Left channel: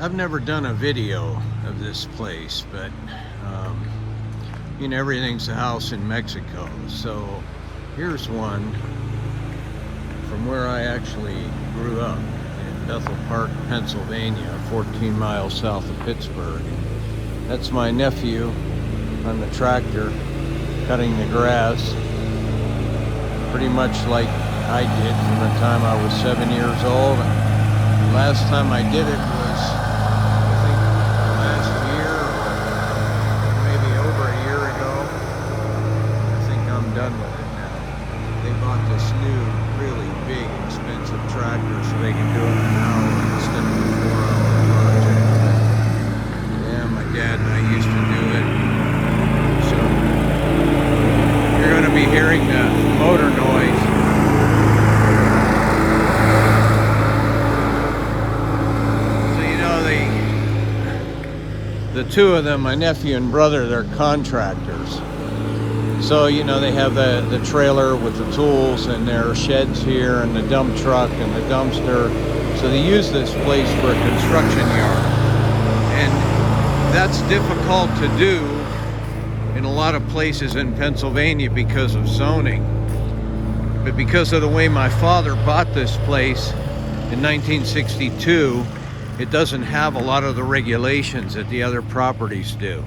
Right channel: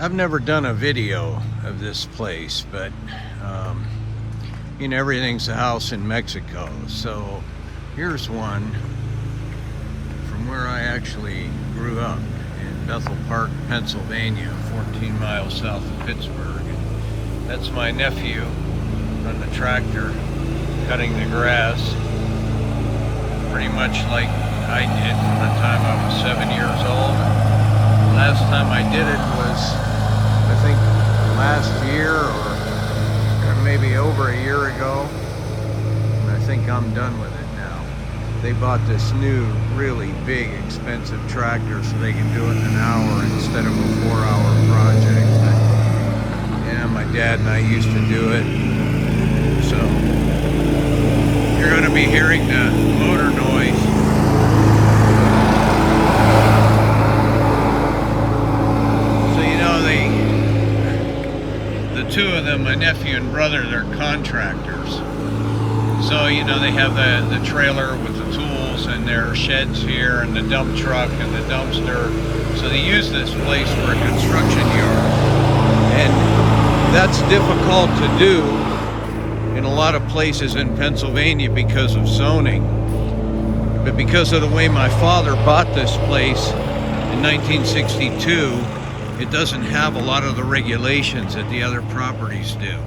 I've never done a video of this place, but you know, everything's a house in Mexico. So here's one from where I actually grew up in Bethel Park, Pennsylvania, 14 miles south of Pittsburgh. That's my nephew on the tractor cutting the grass, pretty much like I did from the time I was 7 years old. The last time I did it was, I think, last year or maybe over a year ago. And I think I'm done with it now. They bought this new, really big, expensive tractor so they can do it in an hour instead of a 4-hour project. Yeah, my dad and I used to do it. So you're going to be hearing the motor noise. So you know, the two of them, my nephew and brother, they're contractors. So you know, they have the trailer with the tools and their sheds here and the dump truck and the dumpster. So they use this place for a construction yard. And that's difficult to do in a lot of places in Pennsylvania because of zoning. But because of the way my father bought this place in 1962, it doesn't have a lot of the regulations that the other properties do.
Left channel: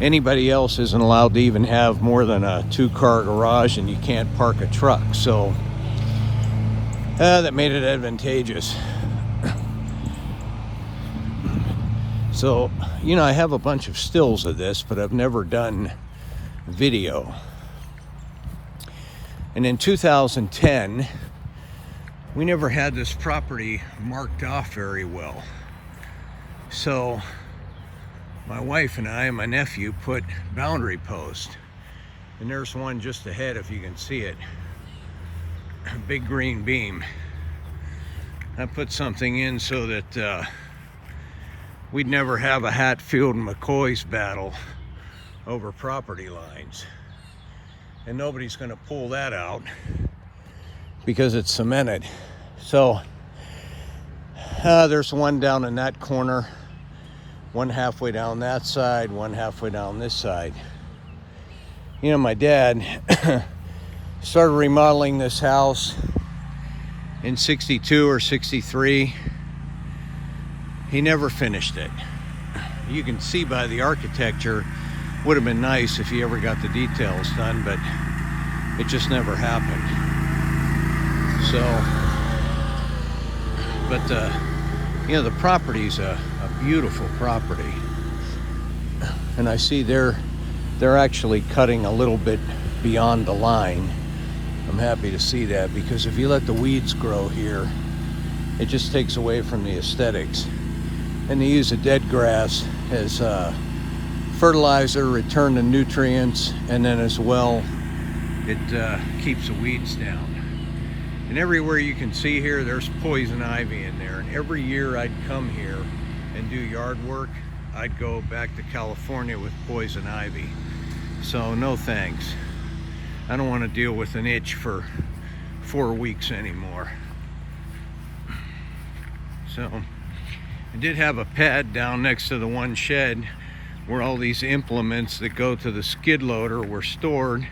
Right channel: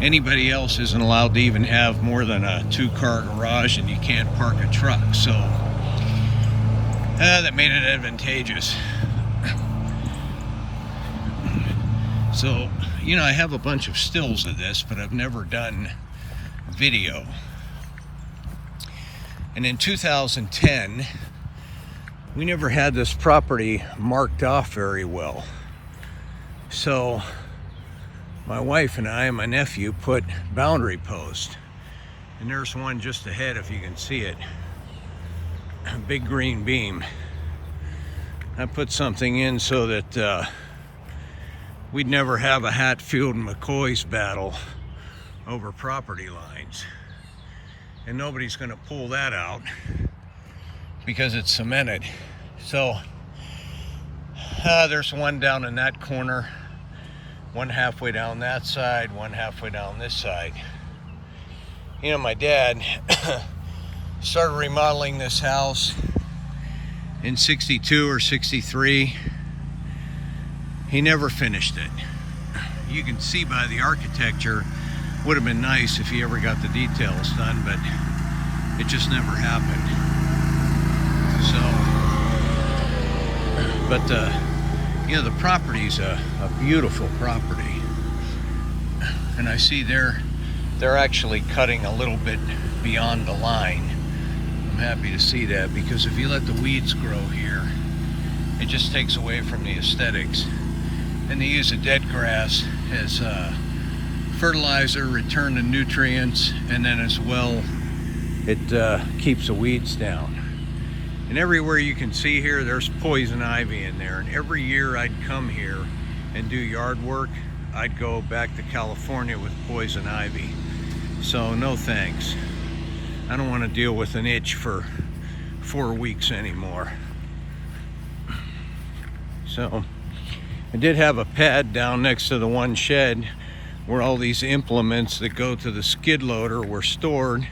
Anybody else isn't allowed to even have more than a 2-car garage, and you can't park a truck. So that made it advantageous. So, you know, I have a bunch of stills of this, but I've never done video. And in 2010, we never had this property marked off very well. So my wife and I and my nephew put boundary posts. And there's one just ahead, if you can see it. A big green beam. I put something in so that we'd never have a Hatfield and McCoy's battle over property lines. And nobody's going to pull that out because it's cemented. So there's one down in that corner, one halfway down that side, one halfway down this side. You know, my dad started remodeling this house in 62 or 63. He never finished it. You can see by the architecture, would have been nice if he ever got the details done, but it just never happened. So, but you know, the property's a beautiful property, and I see they're actually cutting a little bit beyond the line. I'm happy to see that, because if you let the weeds grow here, it just takes away from the aesthetics. And they use the dead grass as fertilizer, return the nutrients, and then as well, it keeps the weeds down. And everywhere you can see here, there's poison ivy in there. And every year I'd come here and do yard work, I'd go back to California with poison ivy. So no thanks. I don't want to deal with an itch for 4 weeks anymore. So I did have a pad down next to the one shed where all these implements that go to the skid loader were stored.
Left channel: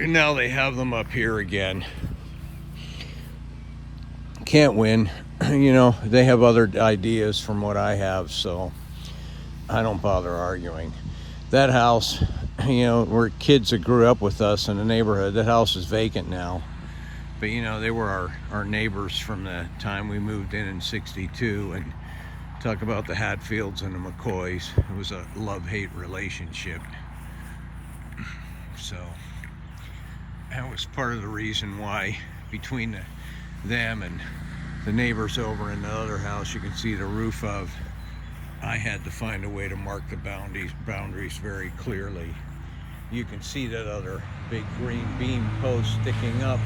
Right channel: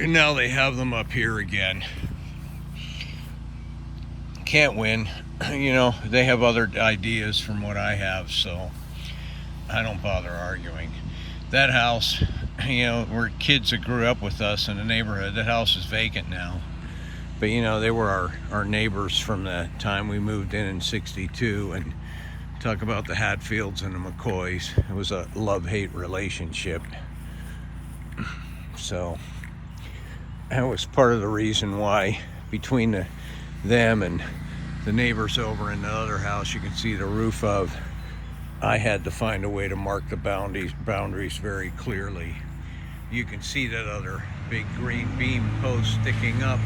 And now they have them up here again. Can't win. You know, they have other ideas from what I have, so I don't bother arguing. That house, you know, where kids that grew up with us in the neighborhood, that house is vacant now. But you know, they were our neighbors from the time we moved in 62, and talk about the Hatfields and the McCoys. It was a love-hate relationship. So that was part of the reason why, between them and the neighbors over in the other house you can see the roof of, I had to find a way to mark the boundaries very clearly. You can see that other big green beam post sticking up.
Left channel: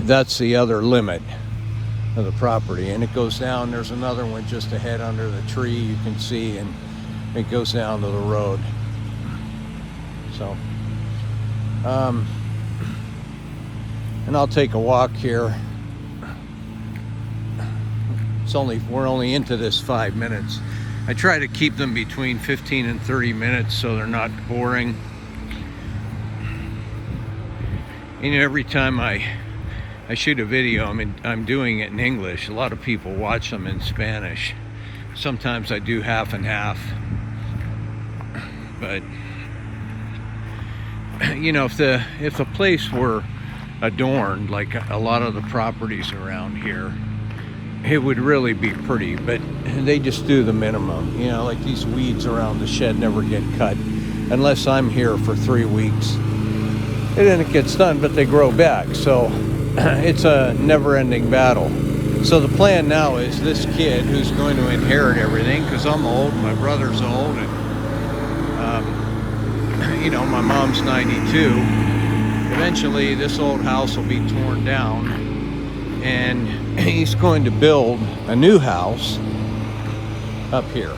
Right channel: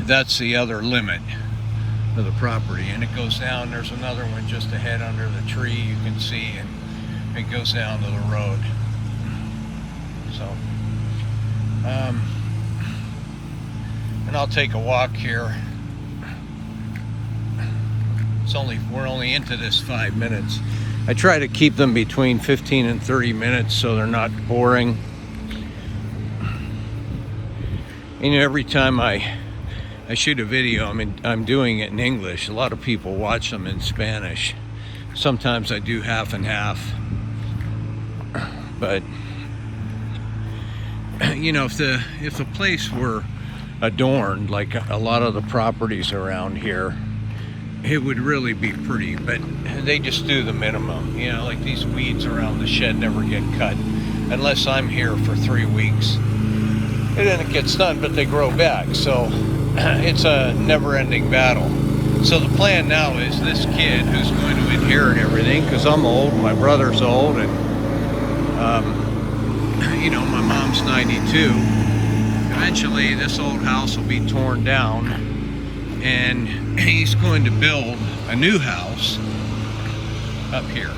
That's the other limit of the property, and it goes down. There's another one just ahead under the tree you can see, and it goes down to the road. So and I'll take a walk here We're only into this 5 minutes. I try to keep them between 15 and 30 minutes so they're not boring. And every time I shoot a video, I'm doing it in English. A lot of people watch them in Spanish. Sometimes I do half and half. But you know, if the place were adorned like a lot of the properties around here, it would really be pretty, but they just do the minimum. You know, like these weeds around the shed never get cut unless I'm here for 3 weeks. And then it gets done, but they grow back, so it's a never-ending battle. So the plan now is this kid who's going to inherit everything, because I'm old, my brother's old, and you know, my mom's 92. Eventually this old house will be torn down, and he's going to build a new house up here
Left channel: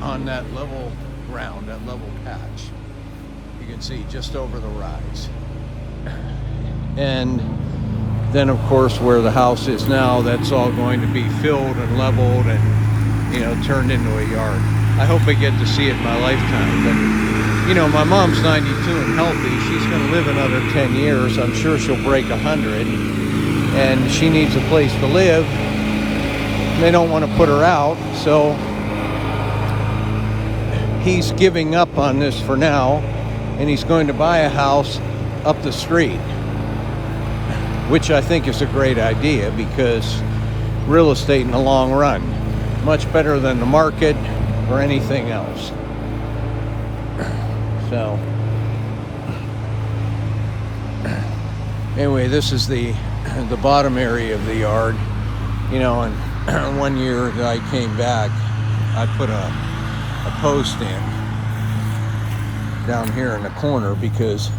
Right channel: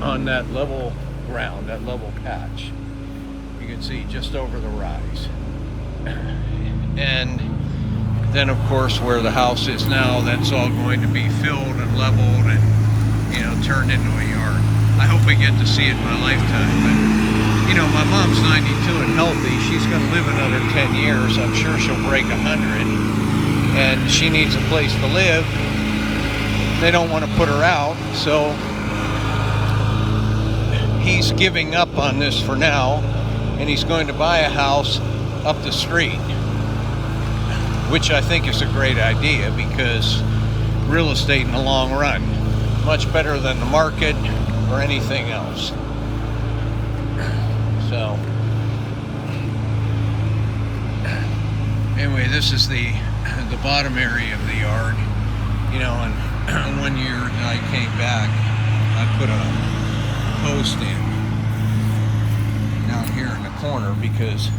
on that level ground, that level patch. You can see just over the rise. And then of course where the house is now, that's all going to be filled and leveled and, you know, turned into a yard. I hope I get to see it in my lifetime, but you know, my mom's 92 and healthy. She's going to live another 10 years. I'm sure she'll break 100. And she needs a place to live. They don't want to put her out, so he's giving up on this for now, and he's going to buy a house up the street, which I think is a great idea, because real estate in the long run, much better than the market or anything else. So anyway, this is the bottom area of the yard. You know, and one year that I came back, I put a post in down here in the corner, because,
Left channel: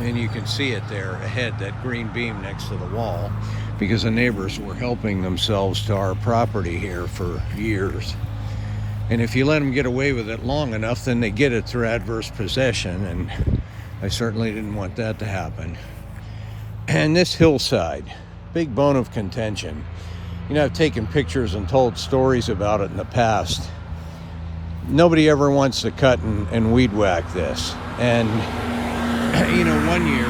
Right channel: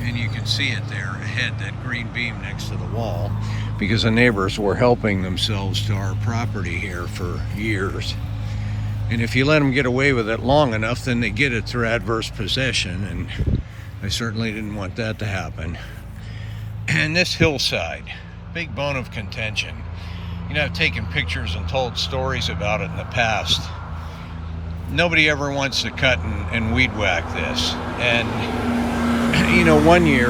and you can see it there ahead, that green beam next to the wall, because the neighbors were helping themselves to our property here for years. And if you let them get away with it long enough, then they get it through adverse possession, and I certainly didn't want that to happen. And this hillside, big bone of contention. You know, I've taken pictures and told stories about it in the past. Nobody ever wants to cut and weed whack this. And, you know, one year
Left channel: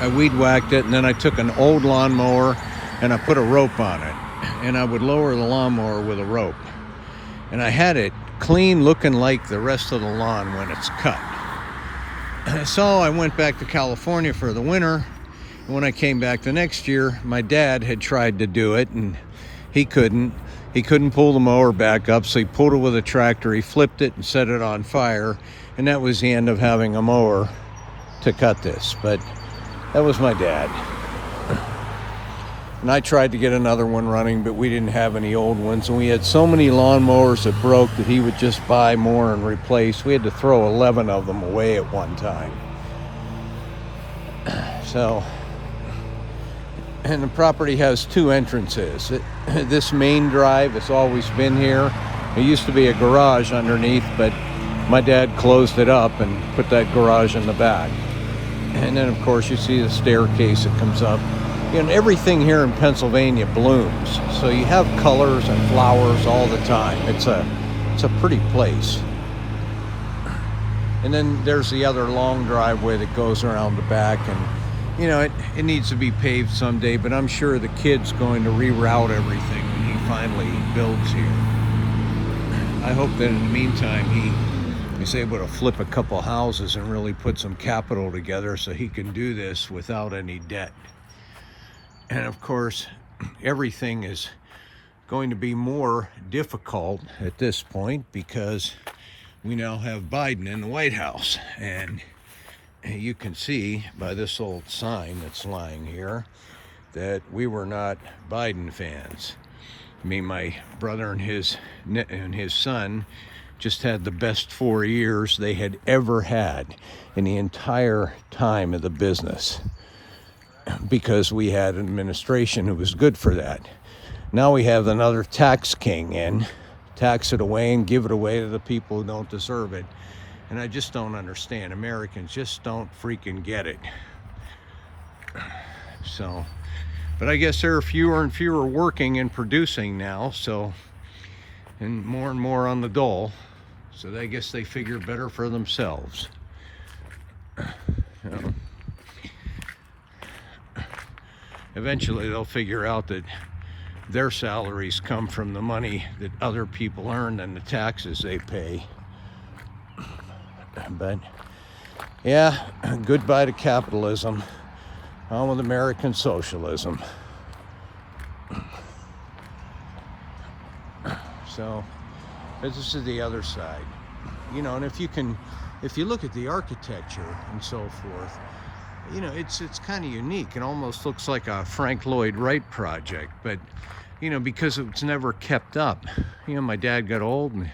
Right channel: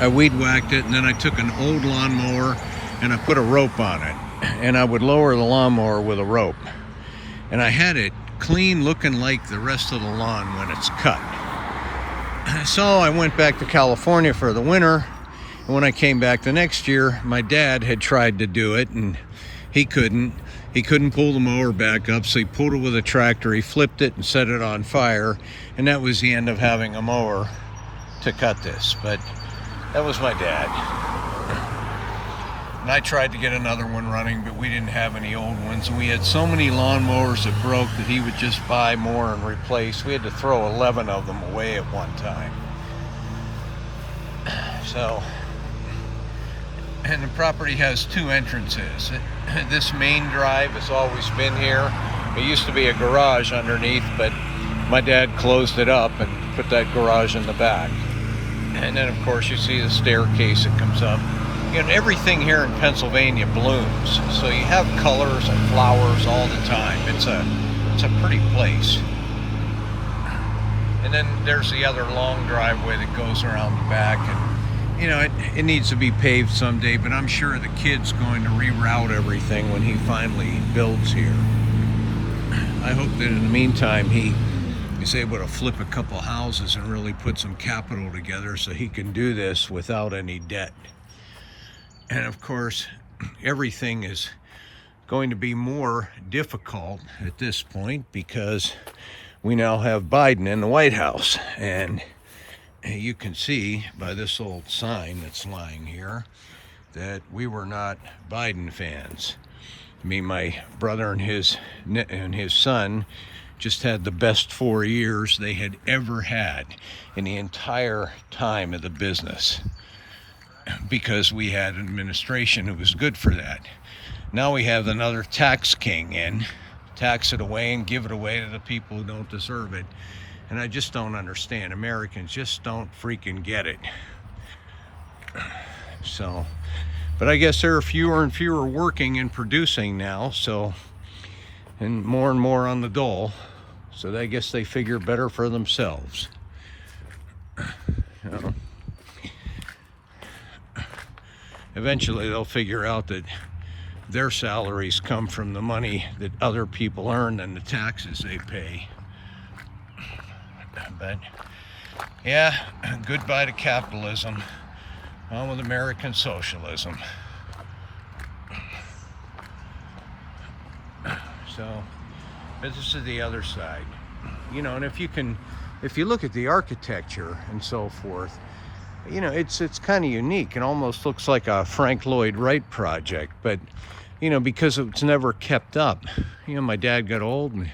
I weed whacked it, and then I took an old lawnmower and I put a rope on it. And I would lower the lawnmower with a rope. And I had it clean, looking like the rest of the lawn when it's cut. So I went back to California for the winter. And when I came back the next year, my dad had tried to do it, and he couldn't pull the mower back up, so he pulled it with a tractor, he flipped it and set it on fire, and that was the end of having a mower to cut this. But that was my dad. And I tried to get another one running, but we didn't have any old ones, and we had so many lawnmowers that broke that he would just buy more and replace. We had to throw 11 of them away at one time. So, and the property has 2 entrances. This main drive has always been here. It used to be a garage underneath, but my dad closed it up and put that garage in the back. And then of course you see the staircase that comes up. You know, everything here in Pennsylvania blooms, so you have colors and flowers all the time. It's a pretty place. And then there's the other long driveway that goes around the back, and you know, it needs to be paved someday, but I'm sure the kid's going to reroute everything when he finally builds here. I hope that in the meantime he is able to flip a couple houses and really put some capital together so he can do this without any debt. And of course, everything is going to be more difficult at this point, because we now have Biden in the White House. And you can see by this old sign that's lying here that we were not Biden fans. I mean, my brother and his son just had the best 4 years they had ever had in the entire time of the business, because we had an administration who was good for that. Now we have another tax king in, tax it away and give it away to the people who don't deserve it. And I just don't understand. Americans just don't freaking get it. So But I guess there are fewer and fewer working and producing now, so, and more on the dole. So I guess they figure better for themselves. You know, eventually they'll figure out that their salaries come from the money that other people earn and the taxes they pay. But yeah, goodbye to capitalism. On with American socialism. So, this is the other side. You know, and if you look at the architecture and so forth, you know, it's kind of unique. It almost looks like a Frank Lloyd Wright project, but you know, because it's never kept up. You know, my dad got old and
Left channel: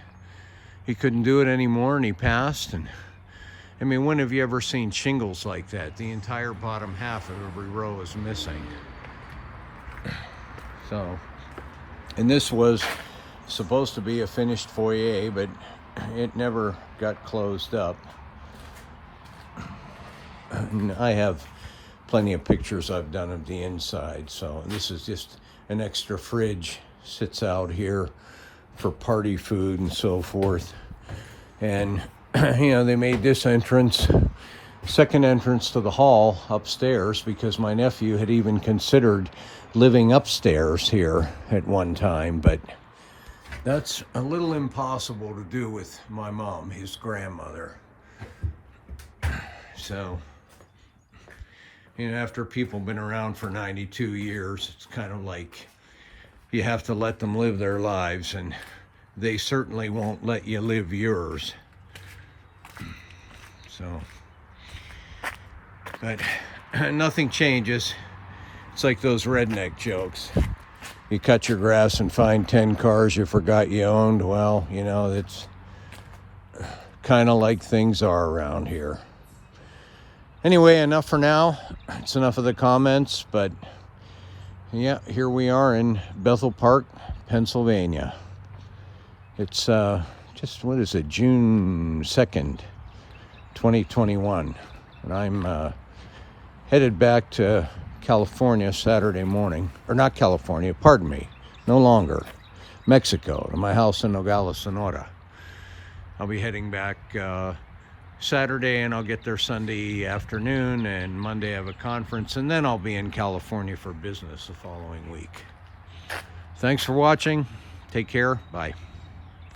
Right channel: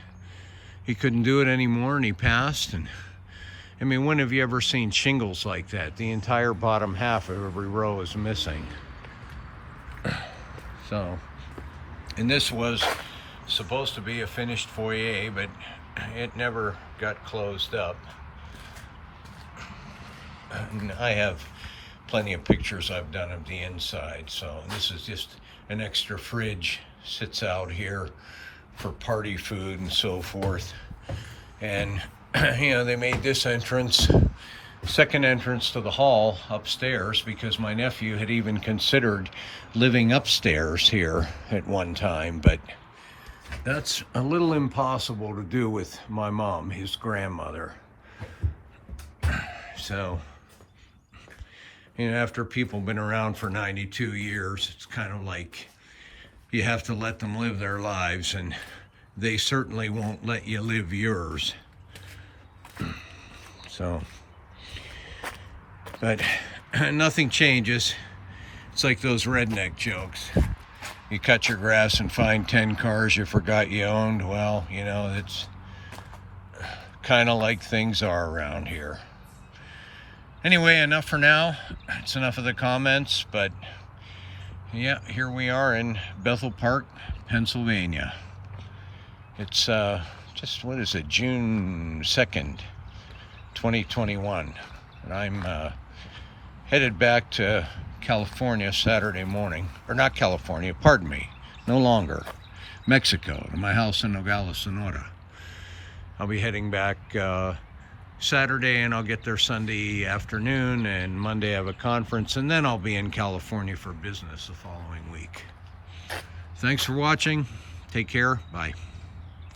he couldn't do it anymore and he passed. And I mean, when have you ever seen shingles like that? The entire bottom half of every row is missing. So, and this was supposed to be a finished foyer, but it never got closed up. I have plenty of pictures I've done of the inside. So this is just an extra fridge, sits out here for party food and so forth. And you know, they made this entrance, second entrance to the hall upstairs, because my nephew had even considered living upstairs here at one time, but that's a little impossible to do with my mom, his grandmother. So, you know, after people have been around for 92 years, it's kind of like you have to let them live their lives, and they certainly won't let you live yours. So, but nothing changes. It's like those redneck jokes. You cut your grass and find 10 cars you forgot you owned. Well, you know, it's kind of like things are around here. Anyway, enough for now. It's enough of the comments, but yeah, here we are in Bethel Park, Pennsylvania. It's just, what is it, June 2nd, 2021. And I'm headed back to California Saturday morning. Or not California, pardon me, no longer. Mexico, to my house in Nogales, Sonora. I'll be heading back Saturday, and I'll get there Sunday afternoon, and Monday I have a conference, and then I'll be in California for business the following week. Thanks for watching. Take care. Bye.